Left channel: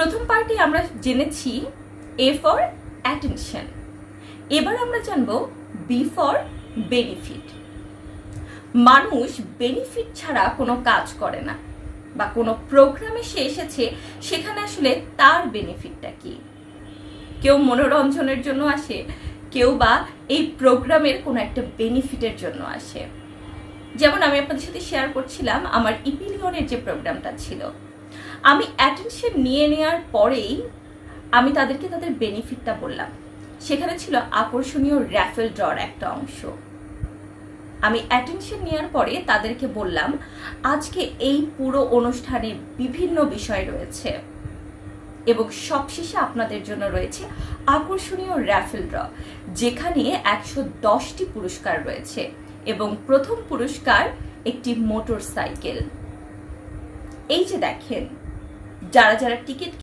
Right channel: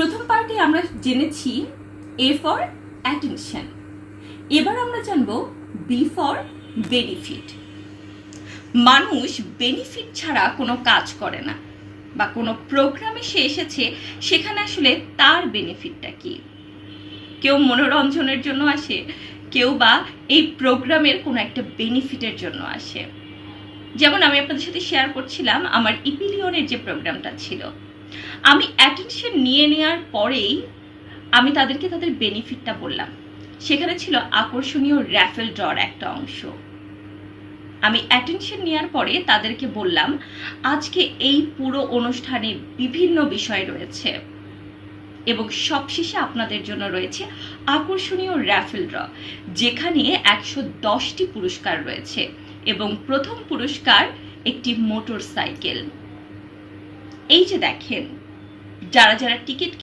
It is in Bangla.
প্রথম পার্টে আমরা জেনেছি এ ফর অ্যাটেনশন। এবার আমরা জানবো বি ফর বেনিফিট। মানুষ বেনিফিট ছাড়া কোনো কাজ করে না, বা কোনো প্রোগ্রামে সে এসেছে সেখানে আসলে তার বেনিফিটটা কি। কেউ মনোরঞ্জনের জন্য আসে, কেউ বা এই প্রোগ্রামের কোনো একটা বেনিফিটের জন্য আসে। যেমন আমি আপনাদের সাথে শেয়ার করছিলাম আমার ইপিলিয়নের যে প্রোগ্রামটা ছিল, আমি অ্যাটেনশন নিয়ে নেওয়ার পরেই আমি তাদেরকে তাদের বেনিফিটটা বললাম। সেখানে ছিল আকর্ষণীয় র্যাফেল ড্রর একটা অংশ। আমি অ্যাটেনশন নেওয়ার পরে তাদেরকে বললাম আজকে এই পুরো অনুষ্ঠানে বিভিন্ন বিষয় রয়েছে এবং সবশেষে আপনাদের জন্য রয়েছে আকর্ষণীয় র্যাফেল ড্র, যেখানে 110টি পুরস্কার রয়েছে এবং প্রথম পুরস্কার একটি মোটর সাইকেল। এই যে দেখেন, যারা যারা টিকিট